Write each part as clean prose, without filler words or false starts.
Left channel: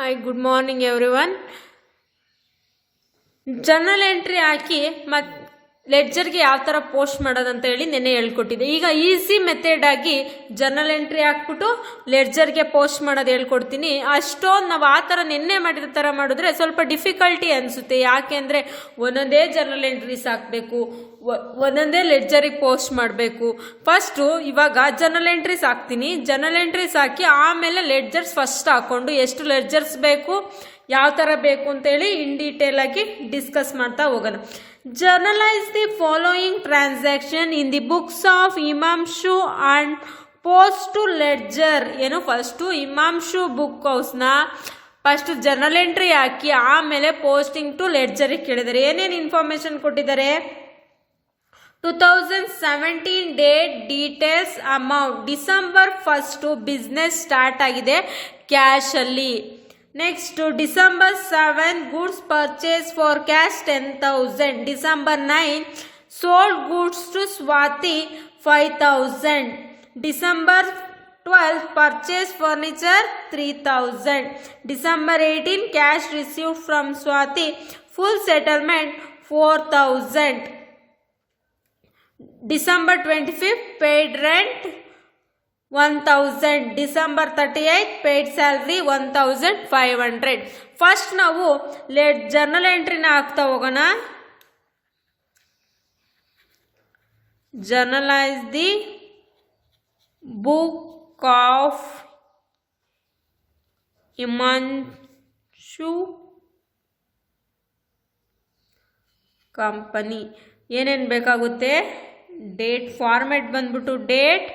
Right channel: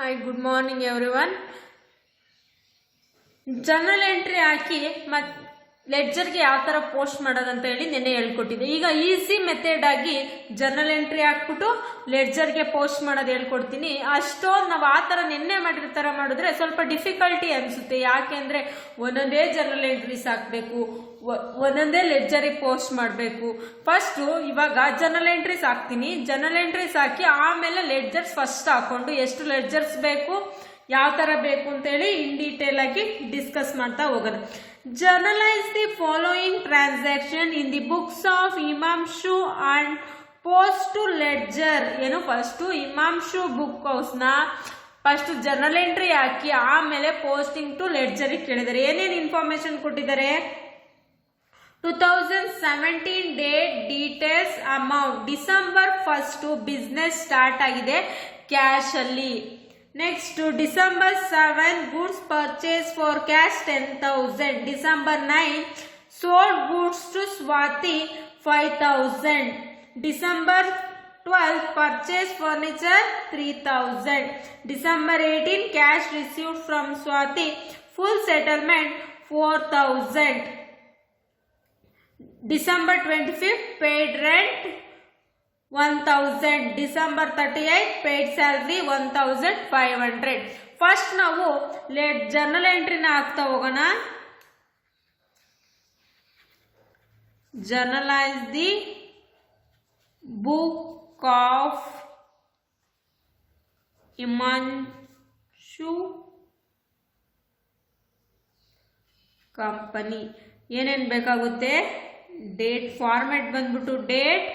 Hi good morning everyone. Journal entry ಹಾಕಿ ಮತ್ತು ಲೆಡ್ಜರ್ಗೆ ಯಾವ ಥರ ಪೋಸ್ಟ್ ಮಾಡೋದಂತ ಹೇಳಿ ನೆನ್ನೆ ಹೇಳ್ಕೊಟ್ಟಿದ್ದೆ. ಈಗ ಈಸಿ ಮೆಥಡ್ ಆಗಿ ಜರ್ನಲ್ ಎಂಟ್ರಿ ಹಾಕ್ಬಿಟ್ಟು ಲೆಡ್ಜರ್ಗೆ ಪೋಸ್ಟ್ ಮಾಡೋದು ಹೇಳ್ಕೊಡ್ತೀನಿ. ಅಷ್ಟೊಂದು ನಾವು ಆ ಥರ ನೆನ್ನೆ ಮಾಡಿದ ಥರ ಮಾಡಿದ್ರೆ ಸ್ವಲ್ಪ ಡಿಫಿಕಲ್ಟಿ ಅನಿಸುತ್ತೆ. ಯಾಕೆ ಅಂದರೆ ಒಂದೊಂದೇ ಜರ್ನಲ್ ಎಂಟ್ರೀಸ್ ಹಾಕಬೇಕು, ಒಂದೊಂದೇ ಲೆಡ್ಜರಿಗೆ ಪೋಸ್ಟ್ ಮಾಡಬೇಕು. ಫಸ್ಟು ಇವಾಗ ಜರ್ನಲ್ ಎಂಟ್ರೀಸ್ ಹಾಕ್ತೀನಿ. ಜರ್ನಲ್ ಎಂಟ್ರೀಸ್ ಹಾಕಿ ಆಮೇಲೆ ಲೆಡ್ಜರ್ಸ್ ಫಸ್ಟ್ ಹಾಕ್ಕೊಂಡು ಎಷ್ಟು ಲೆಡ್ಜರ್ಸ್ ಬೇಕು, ಯಾವ ಥರ ಬೇಕು ಅಂತೇಳಿ ಇನ್ ಡೀಟೇಲ್ ಆಗಿ ಡಿಸ್ಕಸ್ ಮಾಡ್ತಾ ಹೋಗೋಣ. Journalise the following transaction in the books of Himanshu and post to ledger. ಏನು ಫಸ್ಟು ಇಮಾಮ್ಶು ಬುಕ್ ಹೌಸ್ನ ಫಸ್ಟು ಜರ್ನಲ್ ಎಂಟ್ರಿ ಹಾಕಿ ಆಮೇಲೆ ಪೋಸ್ಟಿಂಗ್ ಟು ಲೆಡ್ಜರಿಗೆ ಕೇಳಿದ್ದಾರೆ. ಏನೇನು ಇನ್ಫಾರ್ಮೇಷನ್ ಕೊಟ್ಟಿದ್ದಾರೆ? 2017 date, details, amount. December 1 business start ಆಗಿದೆ ಕ್ಯಾಶಲ್ಲಿ. Next December 7 goods purchase for cash 10,000. December 9 sold goods to Swati 5,000. December 12 purchase furniture 3,000. December 18 cash received from Swati, full settlement 4,000. December 25th paid rent 1,000. December 38th paid salary 1,500. First ನಾವು journal ಎಂಟ್ರಿನ ಹಾಕ್ತಾ ಹೋಗೋಣ. Journalise the book of Himanshu company. ಏನೇನು ಬೇಕಾಗುತ್ತೆ? Date, format ಬಂದ್ಬಿಟ್ಟು date,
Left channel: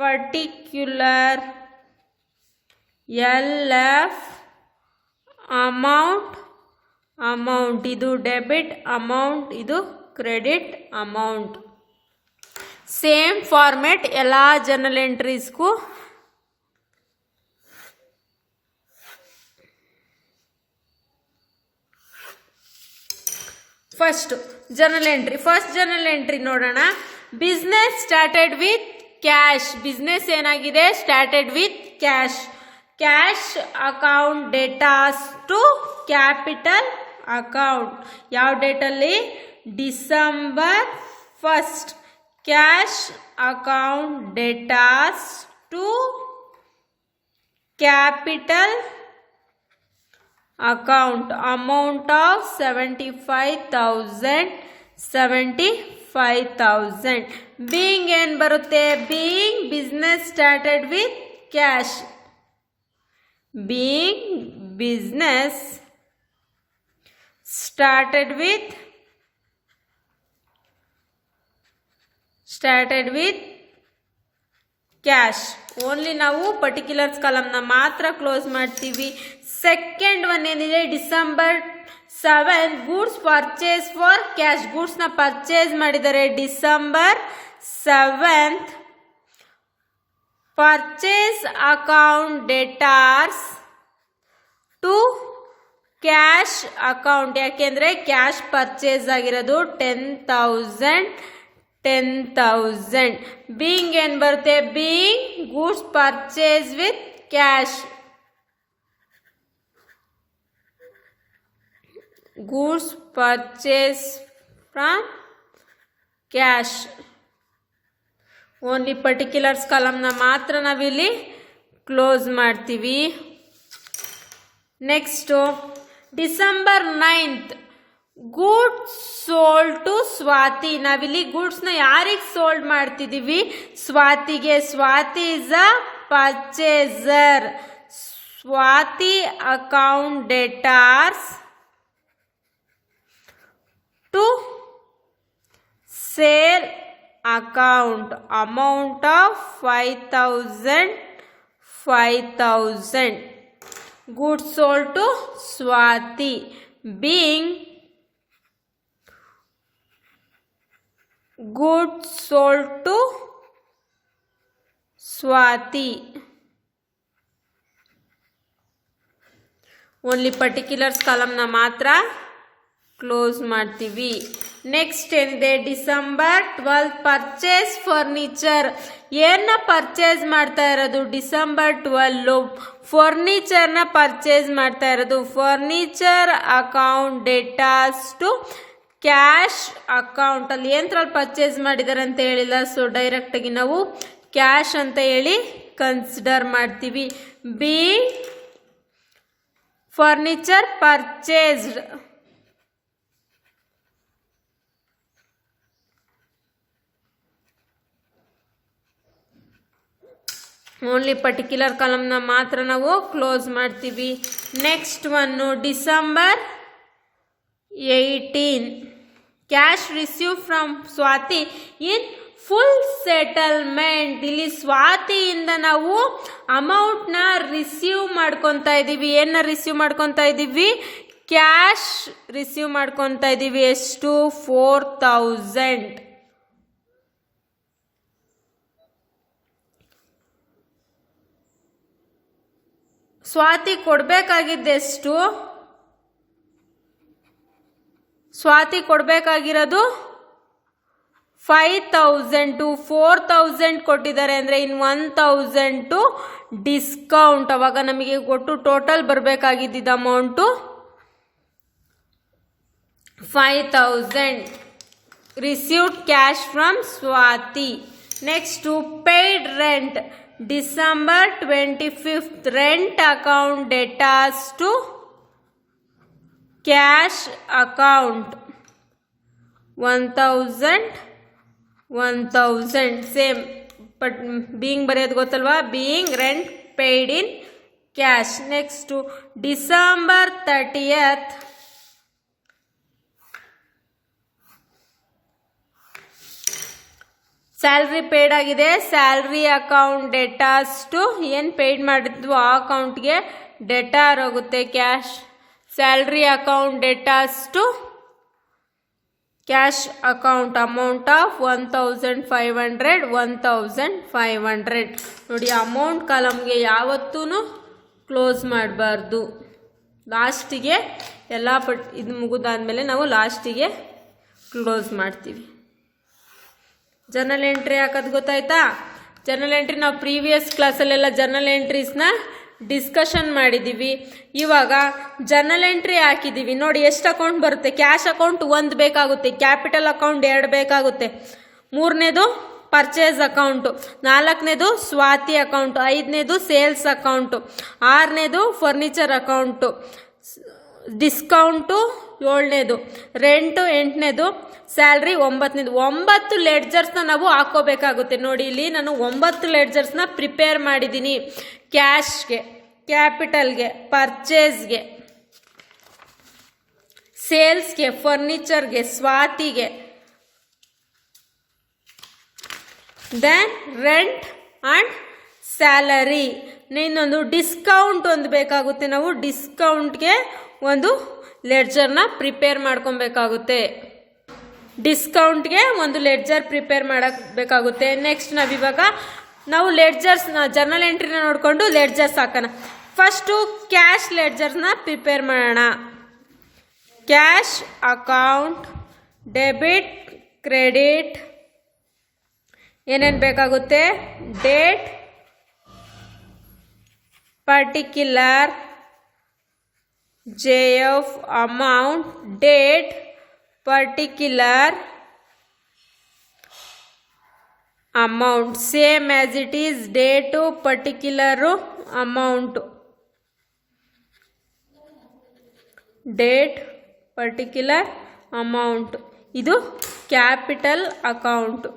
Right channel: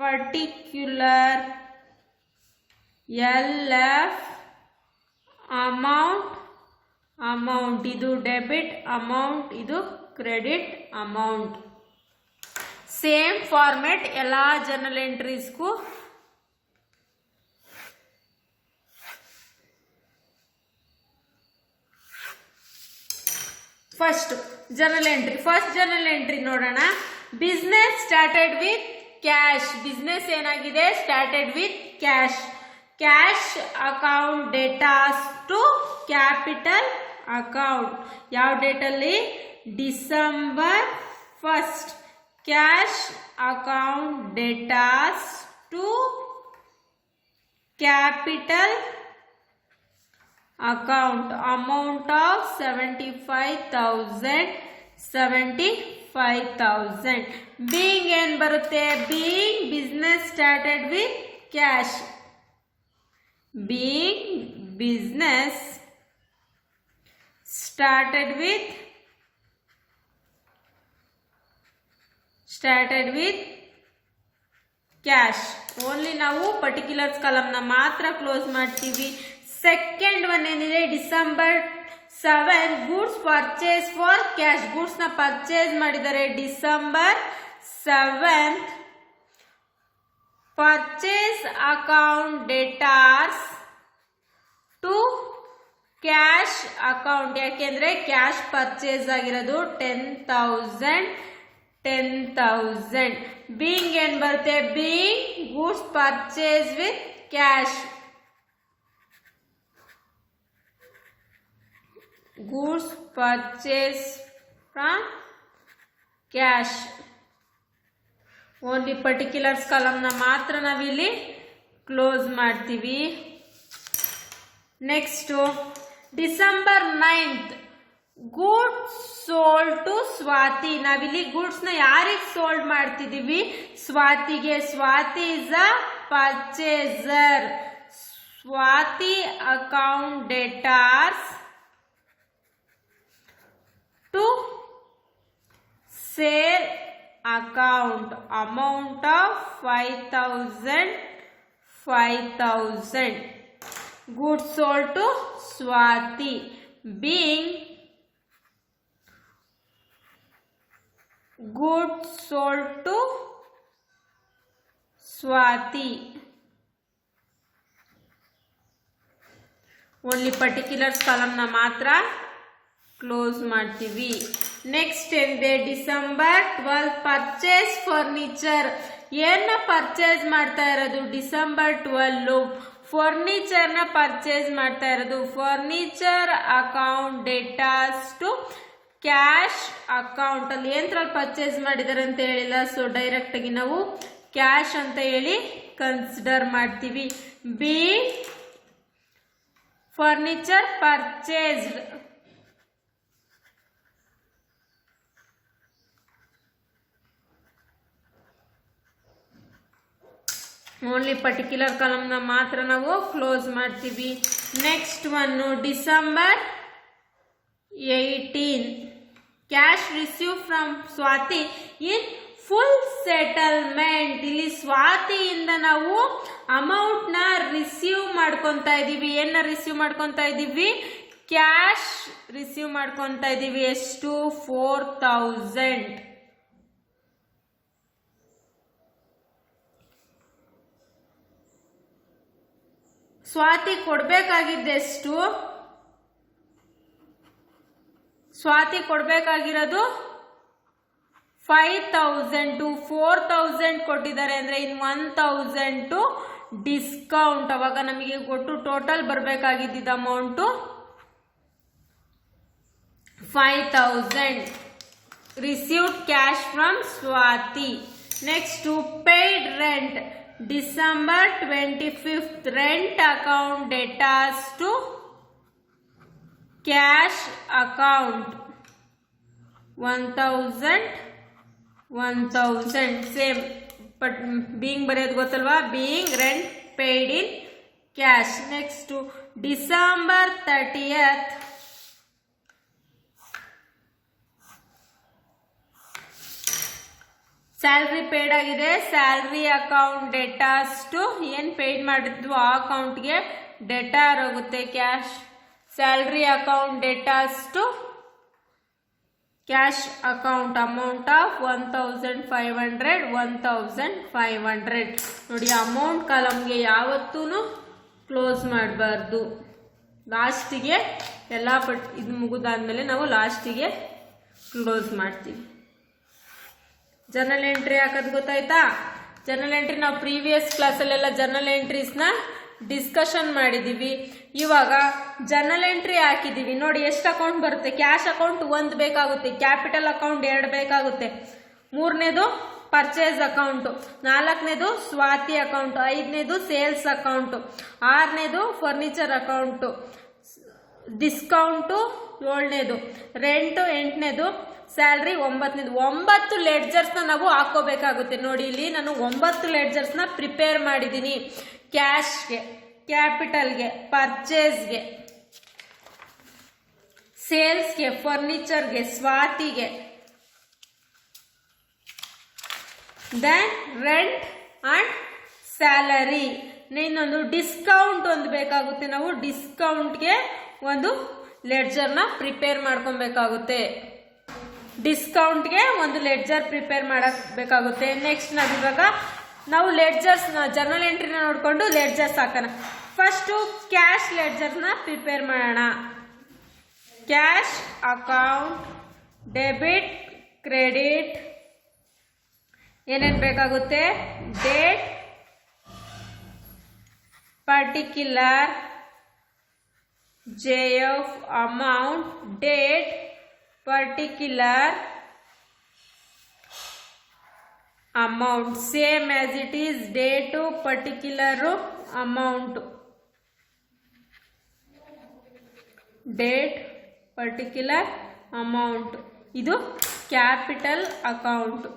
particular, LF, amount ಇದು debit amount, ಇದು credit amount. Same format ಎಲ್ಲ ಜರ್ನಲ್ ಎಂಟ್ರೀಸ್ಗೂ. ಫಸ್ಟ್ ಜರ್ನಲ್ ಎಂಟ್ರಿ ನೋಡೋಣ. Business started with cash. Business ಏನಾಗಿದೆ? Started with cash. Cash account debtors to capital account. ಯಾವ ಡೇಟಲ್ಲಿ? December 1. Cash account debtors to capital account. Amount of 75,000. Being ಏನು ಬರುತ್ತೆ? Being business started with cash. Being business started with cash. Only ನಾವು particulars ಕಾಲಮ್ನ ಮಾತ್ರ close ಮಾಡ್ತೀವಿ. Second one ಏನಿದೆ? December 7 goods purchase for cash. ಗೂಡ್ಸ್ನ ಪರ್ಚೇಸ್ ಮಾಡಿದ್ದಾರೆ. December 7 purchase account debtors to cash account. ಯಾಕೆಂದರೆ ಕ್ಯಾಶ್ ಪರ್ಚೇಸ್ ಆಗಿರೋದು 10,000. ಬೀಯಿಂಗ್ ಏನು ಬರುತ್ತೆ? Being goods purchase with cash. Goods purchase from cash. Only particulars ಕಾಲಮ್ನ ಮಾತ್ರ ನಾವಿಲ್ಲಿ ಕ್ಲೋಸ್ ಮಾಡ್ತೀವಿ. Next December 9 goods sold to Swati. ನಾವಿಲ್ಲಿ ಗೂಡ್ಸ್ನ ಯಾರಿಗೆ ಸೋಲ್ಡ್ ಮಾಡ್ತಿದ್ದೀವಿ? ಸ್ವಾತಿಗೆ. Swati is a purchaser. Swati account debtors to sale account. Amount of 5,000. Goods sold to Swati. Being goods sold to Swati. Only particulars ಕಾಲಮ್ನ ಮಾತ್ರ ಕ್ಲೋಸ್ ಮಾಡ್ತೀವಿ. ನೆಕ್ಸ್ಟ್ ಏನಿದೆ, ಡಿಸೆಂಬರ್ 12 ಪರ್ಚೇಸ್ ಫರ್ನಿಚರ್. ಏನ ಪರ್ಚೇಸ್ ಮಾಡ್ತಾ ಇರೋದು? ಡಿಸೆಂಬರ್ 12 ಫರ್ನಿಚರ್ನ ಪರ್ಚೇಸ್ ಮಾಡ್ತಾ ಇರೋದು. Furniture account debtors to cash account. ಅಲ್ಲಿ ಏನರಲ್ಲಿ ಪರ್ಚೇಸ್ ಮಾಡಿದ್ದಾರೆ ಅಂತ ಹೇಳಿಲ್ಲ, ಸೊ ಡೈರೆಕ್ಟಾಗಿ ನಾವು ಕ್ಯಾಶ್ ಅಂತ ಹೇಳಿ ಕನ್ಸಿಡರ್ ಮಾಡ್ತೀವಿ. B furniture purchased. Only particular ಕಾಲಮ್ನ ಮಾತ್ರ ನಾವು ಕ್ಲೋಸ್ ಮಾಡ್ತೀವಿ. ನೆಕ್ಸ್ಟ್ ಒನ್ನು December 18 cash receive from Swati in full settlement. ಇಲ್ಲಿ ಸ್ವಾತಿಯಿಂದ ನಾವು ಅಮೌಂಟ್ನ ರಿಸೀವ್ ಮಾಡ್ಕೊತಾ ಇದ್ದೀವಿ. ಏನ ರಿಸೀವ್ ಮಾಡ್ಕೊತಾ ಇದ್ದೀವಿ? ಕ್ಯಾಶ್ ರಿಸೀವ್ ಮಾಡ್ಕೊತಾ ಇದ್ದೀವಿ. ಎಷ್ಟು? 4000. ಸ್ವಾತಿ ಕೊಡಬೇಕಾಗಿದ್ದೆಷ್ಟು? ಸ್ವಾತಿ ಕೊಡಬೇಕಾಗಿರೋದು 5000. 4000 ಕೊಟ್ಟಿದ್ದಾರೆ ಅಂದರೆ ಇನ್ನು 1000 ಡಿಸ್ಕೌಂಟ್. ಅವಾಗ ನಮಗೆ ಒಟ್ಟು ಟೋಟಲ್ ಬರಬೇಕಾಗಿದ್ದ amount 5000. Received cash from Swati. Next paid rent. December 25 rent account debtors to cash account 1000 same, but being ಬರೆಯೋದು ಗೊತ್ತಲ್ವಾ? being rent paid in cash. Next December 30th salary paid ಆಗಿದೆ. ಸ್ಯಾಲ್ರಿ ಅಕೌಂಟ್ ಡೆಟಾಸ್ ಟು ಏನು paid ಮಾಡಿದ್ವು ಆ ಅಕೌಂಟ್ಗೆ debtor ಹೋಗುತ್ತೆ cash. Salary account debtors to cash account amount of 1500 ನೋಡಿ. Amount ಕಾಲಮ್ಗೆ ಯಾವತ್ತೂ ಕ್ಲೋಸ್ ಮಾಡಬಾರ್ದು. ಲಾಸ್ಟಿಗೆ ಎಲ್ಲ ಇದು ಮುಗಿದಾದ್ಮೇಲೆ ನಾವು ಲಾಸ್ಟಿಗೆ ಕ್ಲೋಸ್ ಮಾಡ್ತೀವಿ. ಜರ್ನಲ್ ಎಂಟ್ರಿ ಹಾಕೋದು ಗೊತ್ತಾಯ್ತಾ? ಜರ್ನಲ್ ಎಂಟ್ರಿ ನಾವು ಪ್ರೀವಿಯಸ್ ಕ್ಲಾಸಲ್ಲೆಲ್ಲ ಜರ್ನಲ್ ಎಂಟ್ರೀಸ್ನ ಡಿಸ್ಕಷನ್ ಮಾಡಿದ್ದೀವಿ. ಇವಾಗ ಜರ್ನಲ್ ಎಂಟ್ರಿ ಹಾಕಿದ್ದೀವಿ ನೋಡಿ. ಎಷ್ಟು ಅಕೌಂಟ್ ಬರುತ್ತೆ? ಕ್ಯಾಶ್ ಅಕೌಂಟ್ 1 ಬೇಕಾಗುತ್ತೆ, ಕ್ಯಾಪಿಟಲ್ ಅಕೌಂಟ್ 2 ಬೇಕಾಗುತ್ತೆ, 3ನೇದು ಪರ್ಚೇಸ್ ಅಕೌಂಟು, 4ನೇದು ಸ್ವಾತಿ ಅಕೌಂಟು, 5ನೇದು ಸೇಲ್ಸ್ ಅಕೌಂಟು, 6ನೇದು ಫರ್ನಿಚರ್ ಅಕೌಂಟು, ಡಿಸ್ಕೌಂಟು 7ನೇದು, ರೆಂಟು 8ನೇದು, ಸ್ಯಾಲ್ರಿ 9ನೇದು. 9 ಲೆಡ್ಜರ್ಸ್ನ ನಾವು ಹಾಕೋಬೇಕಾಗುತ್ತೆ. ನೋಡಿ ಇಲ್ಲಿ ನಾನು 9 ಲೆಡ್ಜರ್ಸ್ನ ಪ್ರಿಪೇರ್ ಮಾಡಿದ್ದೀನಿ. ಕ್ಯಾಶ್ಗೆ, ಕ್ಯಾಪಿಟಲ್ಗೆ, ಪರ್ಚೇಸ್ಗೆ, ಸೇಲ್ಸ್ಗೆ, ಫರ್ನಿಚರ್ಗೆ, ಸ್ವಾತಿಗೆ, ದೆನ್ ರೆಂಟ್ ಆ್ಯಂಡ್ ಸ್ಯಾಲರಿ. ಇನ್ನೊಂದು ಡಿಸ್ಕೌಂಟ್ ಒಂದು ಬೇಕಾಗುತ್ತೆ. ನಾವು ಡಿಸ್ಕೌಂಟ್ಗೆ ಒಂದು ಲೆಡ್ಜರ್ನ ಪ್ರಿಪೇರ್ ಮಾಡ್ಕೊಬೇಕಾಗುತ್ತೆ. ಡಿಸ್ಕೌಂಟ್ಗೆ ಒಂದು ಲೆಡ್ಜರ್ ಪ್ರಿಪೇರ್ ಮಾಡಬೇಕಾಗುತ್ತೆ. ನೆಕ್ಸ್ಟ್ ನಾವಿವಾಗ ನಾವು ಲೆಡ್ಜರ್ಸ್ನ ಜರ್ನಲ್ ಎಂಟ್ರಿನ ನೋಡಿಕೊಂಡು ಲೆಡ್ಜರ್ಸ್ ಹಾಕೋಣ. ಫಸ್ಟು ಕ್ಯಾಶ್ ಲೆಡ್ಜರ್ಸ್ನ ಪ್ರಿಪೇರ್ ಮಾಡೋಣ. ಕ್ಯಾಶ್ ಅಕೌಂಟ್, ಡೆಬಿಟ್, ಕ್ರೆಡಿಟ್, ಏನೇನು ಬೇಕಾಗುತ್ತೆ? Date, particular, JF amount, date, particular, amount, same as it is date to particular amount, date, particular amount. ಇದು capital account.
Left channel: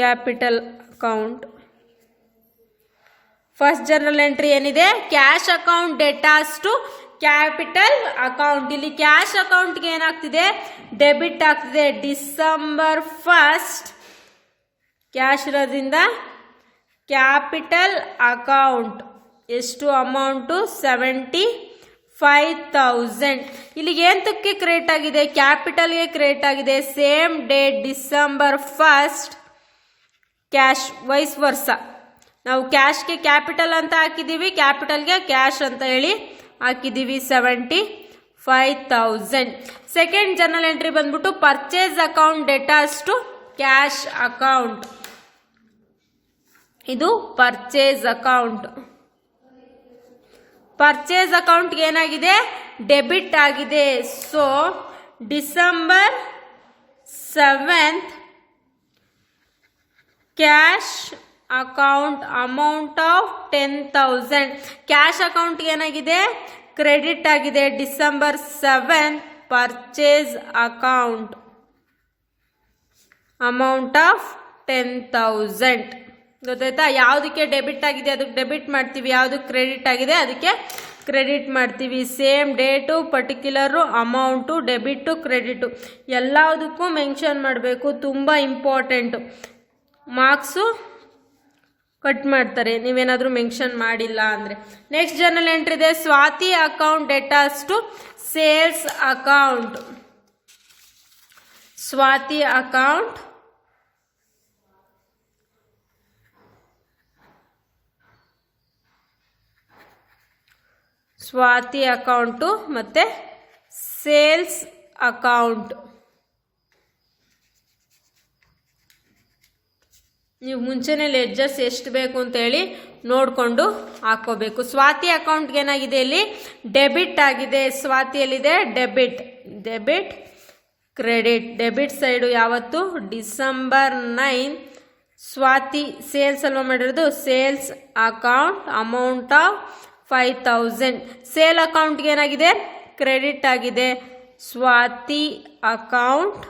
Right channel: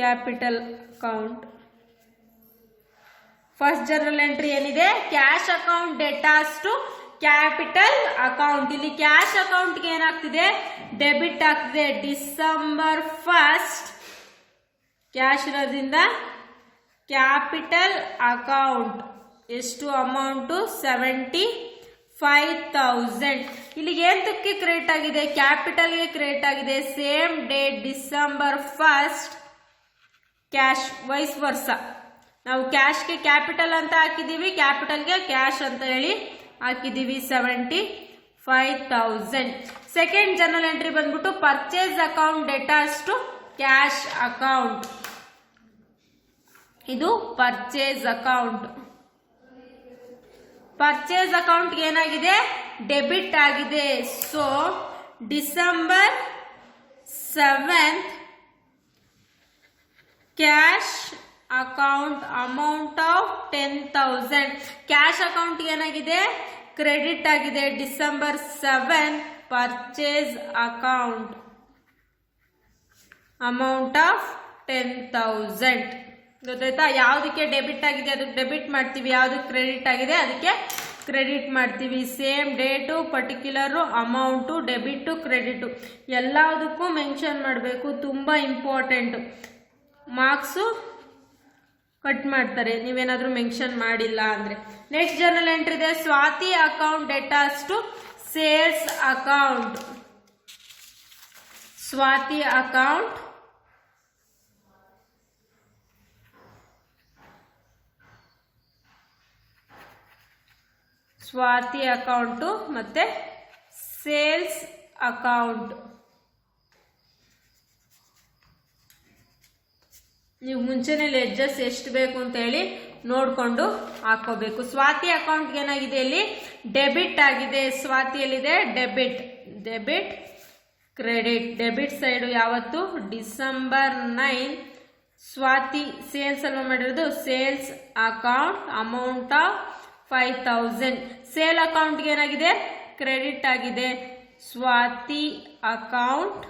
Capital account first journal entry ಏನಿದೆ? Cash account debtors to capital account. ಇಲ್ಲಿ cash ಅಕೌಂಟ್ಗೆ ಏನಾಗ್ತಿದೆ? Debit ಆಗ್ತಿದೆ. December 1 cash ಇರೋದ್ರಿಂದ capital account ಎಷ್ಟು amount? 75,000. ಇಲ್ಲಿಗೆ ಎಂತಕ್ಕೆ ಕ್ರಿಯೇಟ್ ಆಗಿದೆ? ಕ್ಯಾಪಿಟಲ್ಗೆ ಕ್ರಿಯೇಟ್ ಆಗಿದೆ. Same date December 1 cash, vice versa. ನಾವು ಕ್ಯಾಶ್ಗೆ ಕ್ಯಾಪಿಟಲ್ ಅಂತ ಹಾಕಿದ್ದೀವಿ, ಕ್ಯಾಪಿಟಲ್ಗೆ ಕ್ಯಾಶ್ ಅಂತ ಹೇಳಿ ಹಾಕಿದ್ದೀವಿ 75,000. ಸೆಕೆಂಡ್ ಜರ್ನಲ್ ಎಂಟ್ರಿ ಬಂದ್ಬಿಟ್ಟು purchase account debtors to cash account. ಇದು ಪರ್ಚೇಸ್ ಅಕೌಂಟ್. ಪರ್ಚೇಸ್ ಅಕೌಂಟ್ಗೆ ಏನಾಗಿದೆ, ಡೆಬಿಟ್ ಆಗಿದೆ. So December 7th cash account amount of 10,000. Cash ಅಕೌಂಟ್ಗೆ ಏನಾಗಿದೆ, ಕ್ರೆಡಿಟ್ ಆಗಿದೆ. December 7 purchase account amount of 10,000. ಗೊತ್ತಾಯ್ತಾ? ಯಾವುದಕ್ಕೆ ಡೆಬಿಟ್ ಆಗಿದೆ ಅದಕ್ಕೆ ಡೆಬಿಟ್ ಮಾಡ್ತೀವಿ, ಯಾವುದಕ್ಕೆ ಕ್ರೆಡಿಟ್ ಆಗಿದೆ ಅದಕ್ಕೆ ಕ್ರೆಡಿಟ್ ಮಾಡ್ತೀವಿ. Same date, particular, amount, debit, credit ಎಲ್ಲದಕ್ಕೂ ಮೆನ್ಷನ್ ಮಾಡಬೇಕು. ತುಂಬ ಇಂಪಾರ್ಟೆಂಟು. ಮಾರ್ಕ್ಸು ಕಟ್ ಮಾಡ್ತಾರೆ ನೀವೇನಾದರೂ ಮೆನ್ಷನ್ ಮಾಡಿಲ್ಲ ಅಂದರೆ. ನೆಕ್ಸ್ಟ್ ಜರ್ನಲ್ ಎಂಟ್ರಿ ಇದೆ Swathi account debtors to sales account. Swathi account Swathi account ಮತ್ತು ಸೇಲ್ಸ್ ಅಕೌಂಟ್. ನೀವು ಮುಂಚೆನೇ ಲೆಡ್ಜರ್ಸ್ ಎಷ್ಟು ಬೇಕು ಅಂತೇಳಿ ನೋಡಿಕೊಂಡು ಹಾಕೋಬೇಕು. ಸ್ವಾತಿ ಅಕೌಂಟ್ಗೆ ಏನಾಗಿದೆ, ಇಲ್ಲಿ ಡೆಬಿಟ್ ಆಗಿದೆ. ಸ್ವಾತಿಯಲ್ಲಿದೆ debit, debit credit. Debit side ಯಾವತ್ತು ಡಿಸೆಂಬರ್ 9 ಸ್ವಾತಿ ಸೇಲ್ಸ್ ಅಲ್ವಾ ಮಾಡಿರೋದು. Sales account amount of 5,000. Sale ಅಕೌಂಟ್ಗೆ ಏನಾಗಿದೆ, ಕ್ರೆಡಿಟ್ ಆಗಿದೆ. Swathi account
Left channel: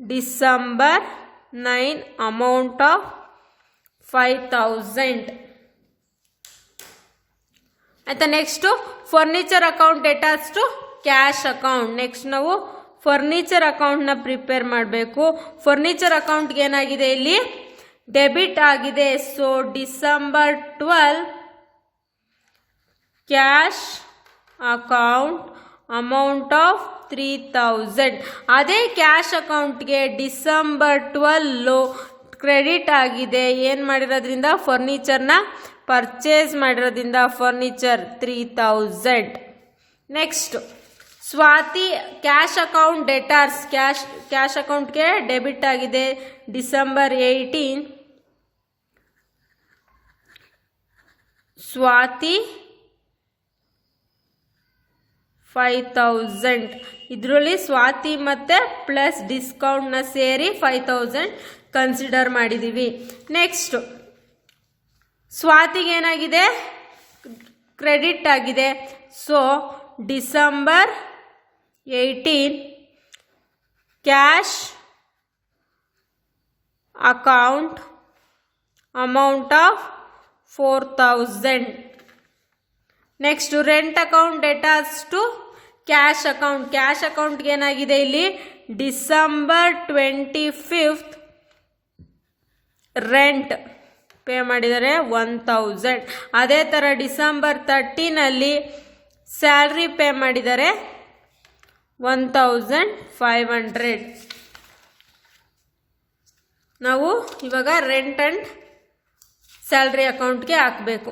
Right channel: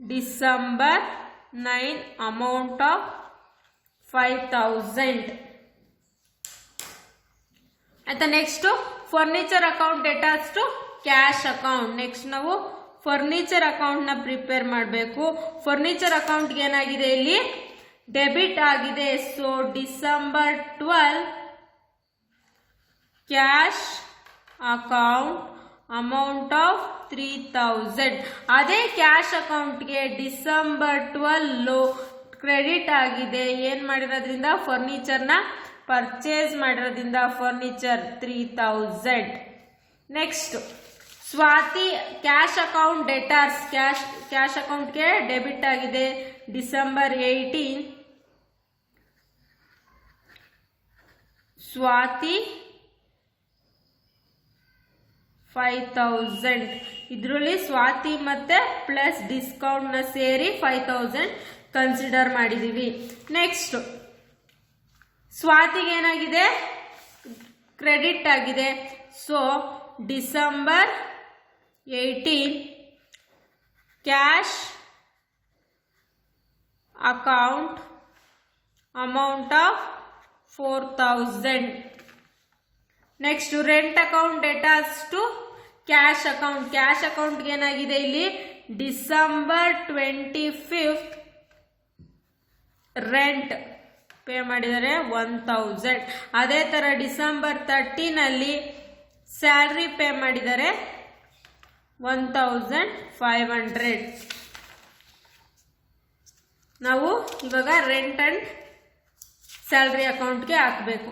December 9 amount of 5,000. ಆಯ್ತಾ? Next furniture account debtors to cash account. Next ನಾವು ಫರ್ನಿಚರ್ ಅಕೌಂಟ್ನ ಪ್ರಿಪೇರ್ ಮಾಡಬೇಕು. ಫರ್ನಿಚರ್ ಅಕೌಂಟ್ಗೆ ಏನಾಗಿದೆ, ಇಲ್ಲಿ ಡೆಬಿಟ್ ಆಗಿದೆ. So December 12 cash account amount of 3,000. ಅದೇ ಕ್ಯಾಶ್ ಅಕೌಂಟ್ಗೆ ಡಿಸೆಂಬರ್ 12 ಕ್ರೆಡಿಟ್ ಆಗಿದೆ. ಏನು ಮಾಡಿರೋದ್ರಿಂದ, ಫರ್ನಿಚರ್ನ ಪರ್ಚೇಸ್ ಮಾಡಿರೋದ್ರಿಂದ furniture 3,000. Next Swathi cash account debtors. Cash ಅಕೌಂಟ್ಗೆ ಡೆಬಿಟ್ ಆಗಿದೆ. ಡಿಸೆಂಬರ್ 18 ಸ್ವಾತಿ 5,000. ಇದರಲ್ಲಿ ಸ್ವಾತಿ ಮತ್ತು ಪ್ಲಸ್ ಡಿಸ್ಕೌಂಟ್ನ ಸೇರಿ 5,000 ಕನ್ಸಿಡರ್ ಮಾಡಿದ್ದೀವಿ. ನೆಕ್ಸ್ಟ್ ಸ್ವಾತಿಗೆ ಏನಾಗಿದೆ, ಕ್ರೆಡಿಟ್ ಆಗಿದೆ. So December 18 cash account amount of 4,000. Next rent account debtors to cash account. Cash ಅಕೌಂಟ್ಗೆ ಏನಾಗಿದೆ, ಇಲ್ಲಿ ಡಿಸೆಂಬರ್ 25 ರೆಂಟ್ ಪೇ ಮಾಡಿದರೆ 1,000. ಅದೇ ಥರ ಡಿಸೆಂಬರ್ 13 ಸ್ಯಾಲ್ರಿ ಪೇ ಮಾಡಿದರೆ 1,500. ನಾವು ಇವಾಗ ರೆಂಟ್ ಆ್ಯಂಡ್ ಸ್ಯಾಲ್ರಿ ಅಕೌಂಟ್ಗೆ ಹಾಕಬೇಕು.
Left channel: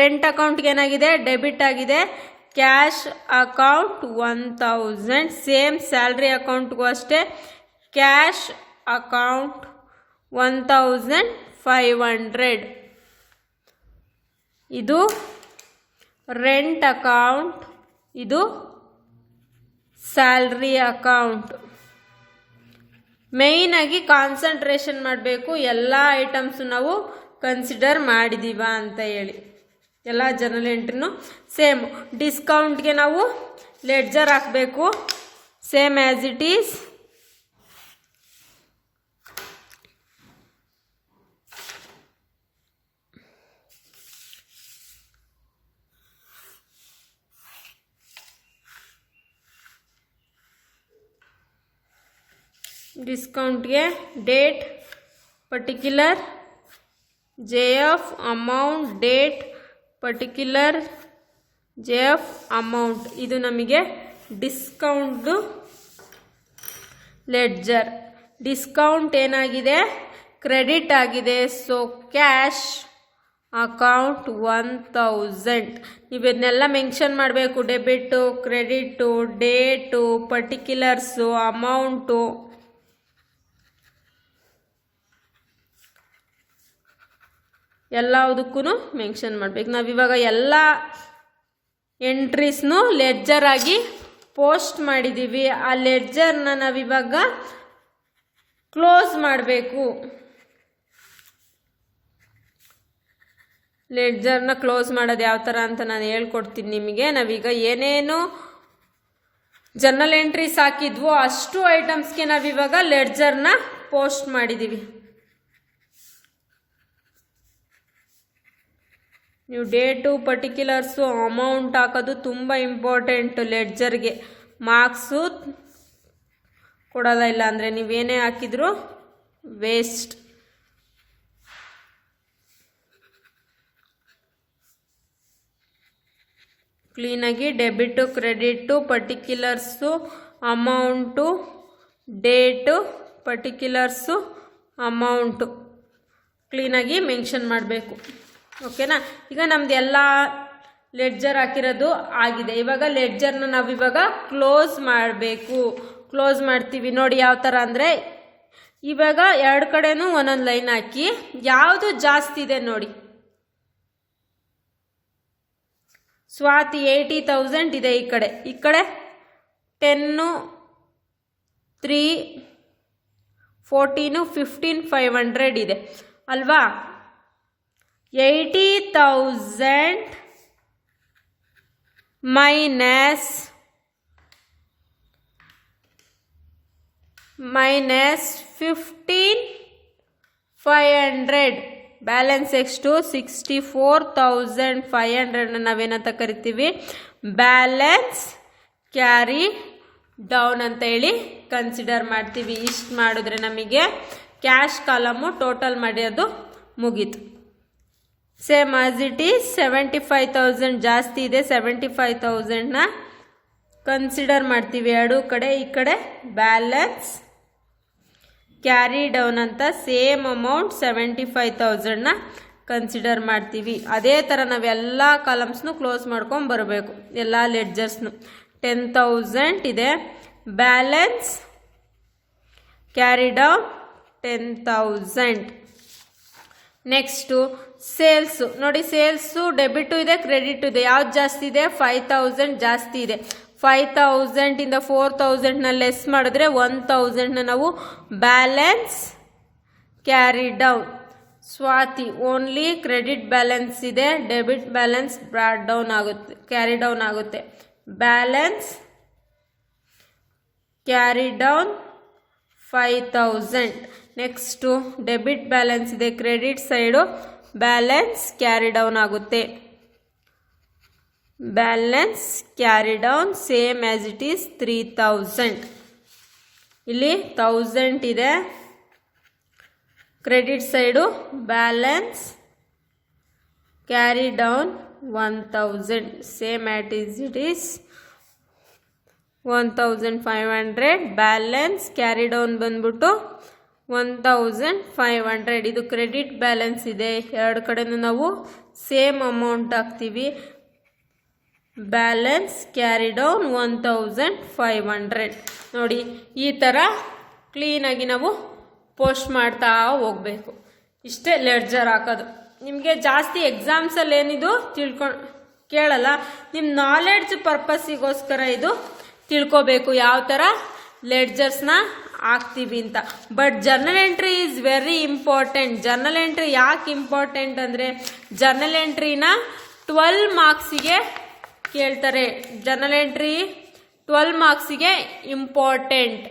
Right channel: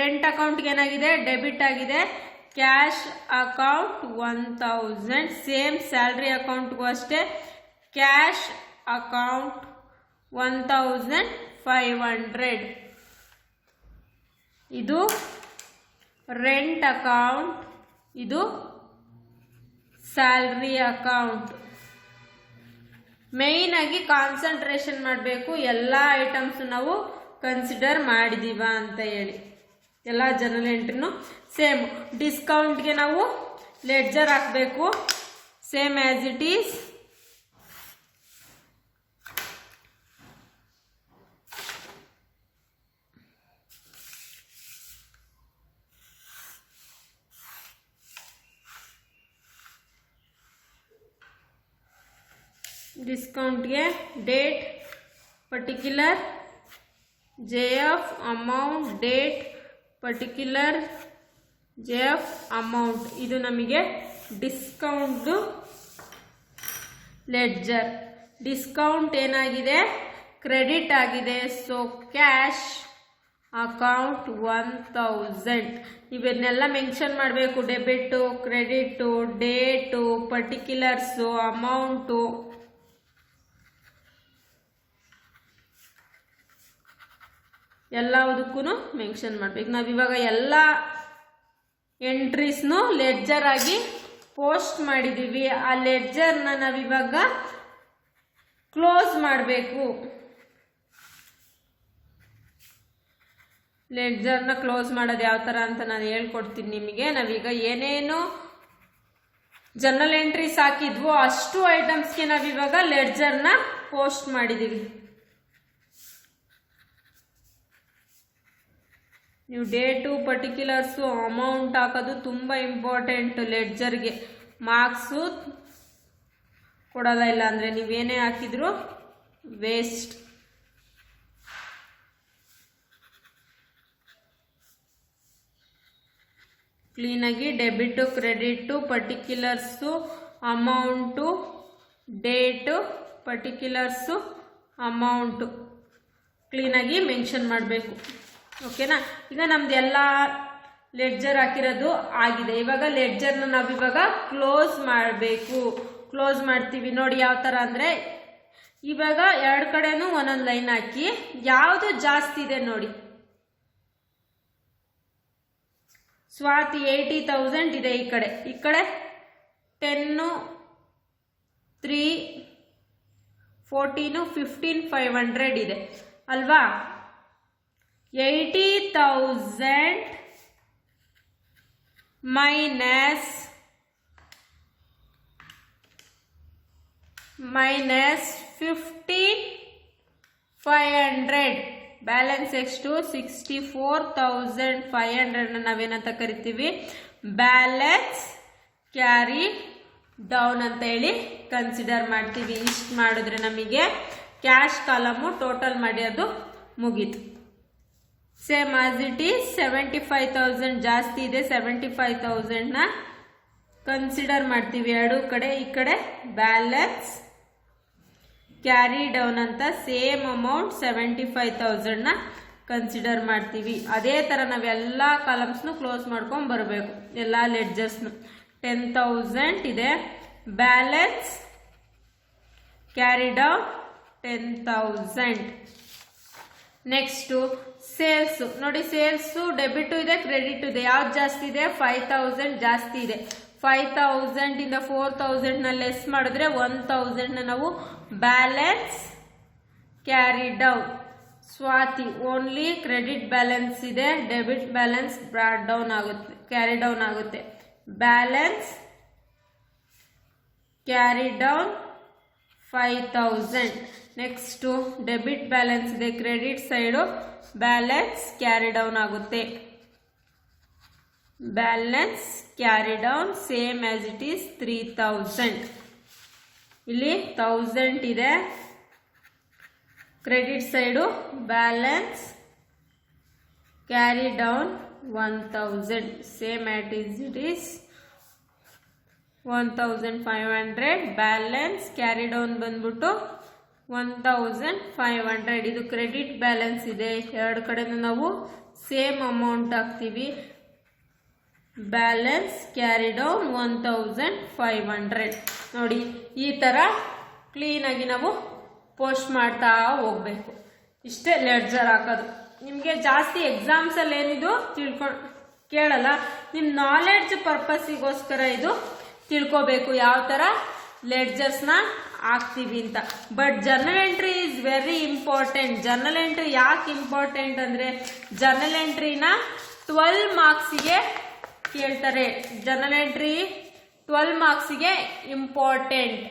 ರೆಂಟ್ ಅಕೌಂಟ್ಗೆ ಏನಾಗಿದೆ, ಡೆಬಿಟ್ ಆಗಿದೆ. Cash account 1,000. ಸೇಮ್ ಸ್ಯಾಲ್ರಿ ಅಕೌಂಟ್ಗೂ ಅಷ್ಟೇ. Cash account 1,500. ಇದು ರೆಂಟ್ ಅಕೌಂಟ್, ಇದು ಸ್ಯಾಲ್ರಿ ಅಕೌಂಟ್. ಮೇಯ್ನಾಗಿ ಕಾನ್ಸಂಟ್ರೇಷನ್ ಮಾಡಬೇಕು. ಎಲ್ಲ ಐಟಮ್ಸ್ ನಾವು ಕನ್ಸಿಡರ್ ಮಾಡಿದೀವ ಅಂತ ಹೇಳಿ. ಎಲ್ಲ ಜರ್ನಲ್ ಎಂಟ್ರಿನೂ ಸೇಮ್. ಡಿಸ್ಕೌಂಟ್ಗೆ ನಾವು ಲೆಡ್ಜರ್ ಹಾಕಬೇಕು, ಸೇಮ್ ಆ್ಯಸ್ ಇಟ್ ಈಸ್. ಡಿಸ್ಕೌಂಟ್ಗೆ date, particular, JF amount, date, particular, JF amount. ಇದು ನಮಗೆ ಡಿಸ್ಕೌಂಟ್ದು ಲೆಡ್ಜರ್. ಡಿಸ್ಕೌಂಟ್ ಏನಾಗಿದೆ, ಕ್ರೆಡಿಟ್ ಆಗಿದೆ. So cash account 1000. ನೀವು ಇದನ್ನೆಲ್ಲ ಮೆನ್ಷನ್ ಮಾಡಬೇಕು. Debit, credit, date, particulars, amount, ಎಲ್ಲದಕ್ಕೂ ಮೆನ್ಷನ್ ಮಾಡಬೇಕು. ನಾವಿವಾಗ ಎಲ್ಲ ಎಂಟ್ರೀಸ್ನು ಲೆಡ್ಜರ್ ಆಗಿ ಪೋಸ್ಟ್ ಮಾಡಿದ್ದೀವಿ. ಆ ಲೆಡ್ಜರ್ನ ನಾವಿವಾಗ ಕ್ಲೋಸ್ ಮಾಡಬೇಕು. ಲೆಡ್ಜರ್ನ ಕ್ಲೋಸ್ ಮಾಡೋದು ಯಾವ ಥರ ಅಂತ ನಾನು ಹೇಳ್ಕೊಡ್ತೀನಿ ನಿಮಗೆ. ನಾವೀಗ ಏನೇನು ಜರ್ನಲ್ ಎಂಟ್ರೀಸ್ ಹಾಕಿದ್ವೋ ಅಷ್ಟು ಐಟಮ್ಸ್ಗೆ ನಾವಿವಾಗ ಲೆಡ್ಜರ್ನ ಪೋಸ್ಟ್ ಮಾಡಿದ್ದೀವಿ. ನೀವು ಡೇಟು, ಪರ್ಟಿಕ್ಯುಲರ್ಸು, ಅಮೌಂಟ್ ಹಾಕೋದು ತುಂಬ ಇಂಪಾರ್ಟೆಂಟು. ಲೆಡ್ಜರ್ಗೆ ಮಾರ್ಕ್ಸು ಕೊಡೋಲ್ಲ, ಇಲ್ಲ ಅಂದರೆ ನೀವೇನೇ ಹಾಕಿದ್ರು ವೇಸ್ಟ್. ಕ್ಲೀನಾಗಿ debit, credit, particulars, amount, date, particulars, amount ಕ್ಲೀನಾಗಿ ಮೆನ್ಷನ್ ಮಾಡಬೇಕು. ಓಕೆನಾ? ಈಗ ನಮ್ದು ಎಲ್ಲ ಲೆಡ್ಜರ್ ಹಾಕಿರೋದು ಆಗಿದೆ. ಇವಾಗ ಲೆಡ್ಜರ್ನ ನಾವಿವಾಗ ಕ್ಲೋಸ್ ಮಾಡಬೇಕು. ಕ್ಲೋಸ್ ಮಾಡ್ತೀವಿ ನೋಡಿ ಯಾವ ಥರ ಅಂದರೆ, ಇವಾಗ ಎರಡು ಕಡೆನೂ ಒಂದೊಂದು ಲೈನ್ ಹಾಕಿ ಯಾವುದು ಜಾಸ್ತಿ ಇದೆ ನೋಡಿ. ಸ್ವಾತಿ 80,000 ಇದೆ ಈ ಕಡೆ 10, 3, 14, 15, 500 ಇದೆ ಅಲ್ವಾ. 80,000 minus 15,500 ಬ್ಯಾಲೆನ್ಸ್ ಎಷ್ಟು 64,500 ನಾವೇನಂತ ಕರಿತೀವಿ, ಬ್ಯಾಲೆನ್ಸ್ ಕ್ಯಾರಿ ಡೌನ್ ಅಂತ ಹೇಳಿ ಕನ್ಸಿಡರ್ ಮಾಡ್ತೀವಿ. ಇಷ್ಟು ಮಾಡಿದ್ರೆ ನಮಗೆ ಕ್ಯಾಶ್ ಕಾಲಮು ಟೋಟಲ್ ಮಾಡೋದು ಮುಗೀತು. ಸೇಮ್ ಆಸ್ ಇಟ್ ಈಸ್ 75,000 ಜಾಸ್ತಿ ಇದೆ. 75,000ನ ಕನ್ಸಿಡರ್ ಮಾಡ್ತೀವಿ ಎರಡು ಕಡೆ. ಈ ಕಡೆ ಬ್ಯಾಲೆನ್ಸ್ ಕ್ಯಾರಿ ಡೌನ್ ಅಂತ ಸೇಮ್ ಅಮೌಂಟ್ 75,000ನ ಕನ್ಸಿಡರ್ ಮಾಡ್ತೀವಿ. ಅದೇ ಥರ ನಾವೆಲ್ಲ ಕಾಲಮ್ಸ್ನು ಕ್ಲೋಸ್ ಮಾಡ್ಕೊಂಡು ಬರಬೇಕು. ಎಲ್ಲ ಲೆಡ್ಜರ್ಸ್ನು 10,000 ಇದೆ, balance carry down 10,000. Next sales ನೋಡಿ. ಸೇಲ್ಸು ಡೆಬಿಟು ಇದೆ, ಕ್ರೆಡಿಟು ಇದೆ. ಯಾವ್ದು ಜಾಸ್ತಿ ಇದೆ? 5,000 ಜಾಸ್ತಿ ಇದೆ. 5,000 ಇಂದ 4,000ನ ಲೆಸ್ ಮಾಡಿದ್ರೆ 1,000ನ ನಾವು balance carry down. Swathi only credit balance ಇದೆ, ಡೆಬಿಟ್ ಬ್ಯಾಲೆನ್ಸ್ ಬ್ರಾಡ್ ಡೌನ್ ಆಗುತ್ತೆ, ಕ್ಯಾರಿ ಡೌನ್ ಆಗುತ್ತೆ. Balance carry down 5,000. Next debit balance ಇದೆ, credit side balance carry down ಆಗುತ್ತೆ. Balance carry down same as it is 3,000. ಇಲ್ಲಿ 1,000 ಇದೆ, credit side balance carry down 1,000 same at is it is 1,500. Balance carry down ಬಂದ್ಬಿಟ್ಟು 1,500. ಇದು credit balance ಇದೆ. ಎರಡು ಕಡೆನೂ ನಾವು ಸೇಮ್ ಅಮೌಂಟ್ ಹಾಕ್ತೀವಿ. Balance carry down 1,500. ನೋಡಿ ಈ ಥರ ಕ್ಲೀನಾಗಿ ನಾವು ಪೋಸ್ಟ್ ಮಾಡ್ತಾ ಹೋಗಬೇಕು. ಇಷ್ಟೇ ಲೆಡ್ಜರ್ ಹಾಕೋದು. ನಿಮಗೆ ಜಾಸ್ತಿ ಎಕ್ಸಾಮ್ಸಲ್ಲಿ ಏನಿದು ಕೇಳಲ್ಲ, ನಿಮ್ಮ ನಾಲೆಡ್ಜ್ ಪರ್ಪಸ್ಸಿಗೋಸ್ಕರ ಇದು ತಿಳ್ಕೋಬೇಕು ಯಾವ ಥರ ಲೆಡ್ಜರ್ಸ್ನ ಹಾಕ್ತೀವಿ ಅಂತ. But journal entry is very important. Journal entry ಯಾಕೆ ಇಂಪಾರ್ಟೆಂಟ್ ಅಂದರೆ, ಜರ್ನಲ್ ಎಂಟ್ರಿನ 12 ಮಾರ್ಕ್ಸಿಗೆ ಕೇಳ್ತಾರೆ. ಜರ್ನಲ್ ಎಂಟ್ರಿ 12 ಮಾರ್ಕ್ಸಿಗೆ ಇಂಪಾರ್ಟೆಂಟ್.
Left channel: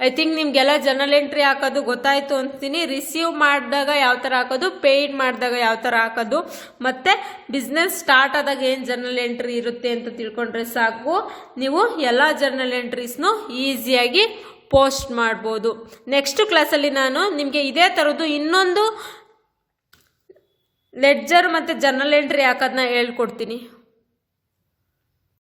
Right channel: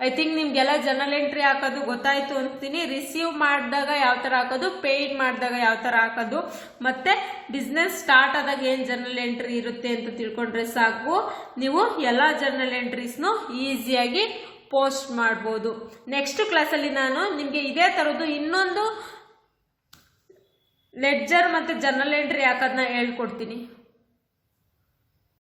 ಐ ಥಿಂಕ್ ನಿಮಗೆಲ್ಲ ಜರ್ನಲ್ ಎಂಟ್ರಿ ಹಾಕೋದು ಗೊತ್ತಾಯಿತು ಅಂತೀನಿ. ರಿಸೀವ್ ಮಾಡಿದಾಗ ಯಾವ ಥರ ಹಾಕೋದು, ಪೇಯ್ಡ್ ಮಾಡಿದಾಗ ಯಾವ ಥರ ಹಾಕೋದು, ಮತ್ತು ಬಿಸ್ನೆಸ್ ಸ್ಟಾರ್ಟ್ ಆದಾಗ ಏನು ಜರ್ನಲ್ ಎಂಟ್ರಿ ಇರುತ್ತೆ ಅಂತ ತಿಳ್ಕೊಂಡ್ರೆ ಸಾಕು. ನೀವು ಎಲ್ಲ ಜರ್ನಲ್ ಎಂಟ್ರೀಸ್ನು ಈಸಿಯಾಗಿ ಪೋಸ್ಟ್ ಮಾಡ್ಬೋದು. ನೆಕ್ಸ್ಟ್ ಕ್ಲಾಸಲ್ಲಿ ನಾನು ನಿಮಗೆ ಇದೇ ಥರದ್ದು ಇನ್ನೊಂದು ಲೆಡ್ಜರ್ ಮತ್ತು ಜರ್ನಲ್ ಎಂಟ್ರಿ ಹಾಕೋದನ್ನ ಹೇಳ್ಕೊಡ್ತೀನಿ.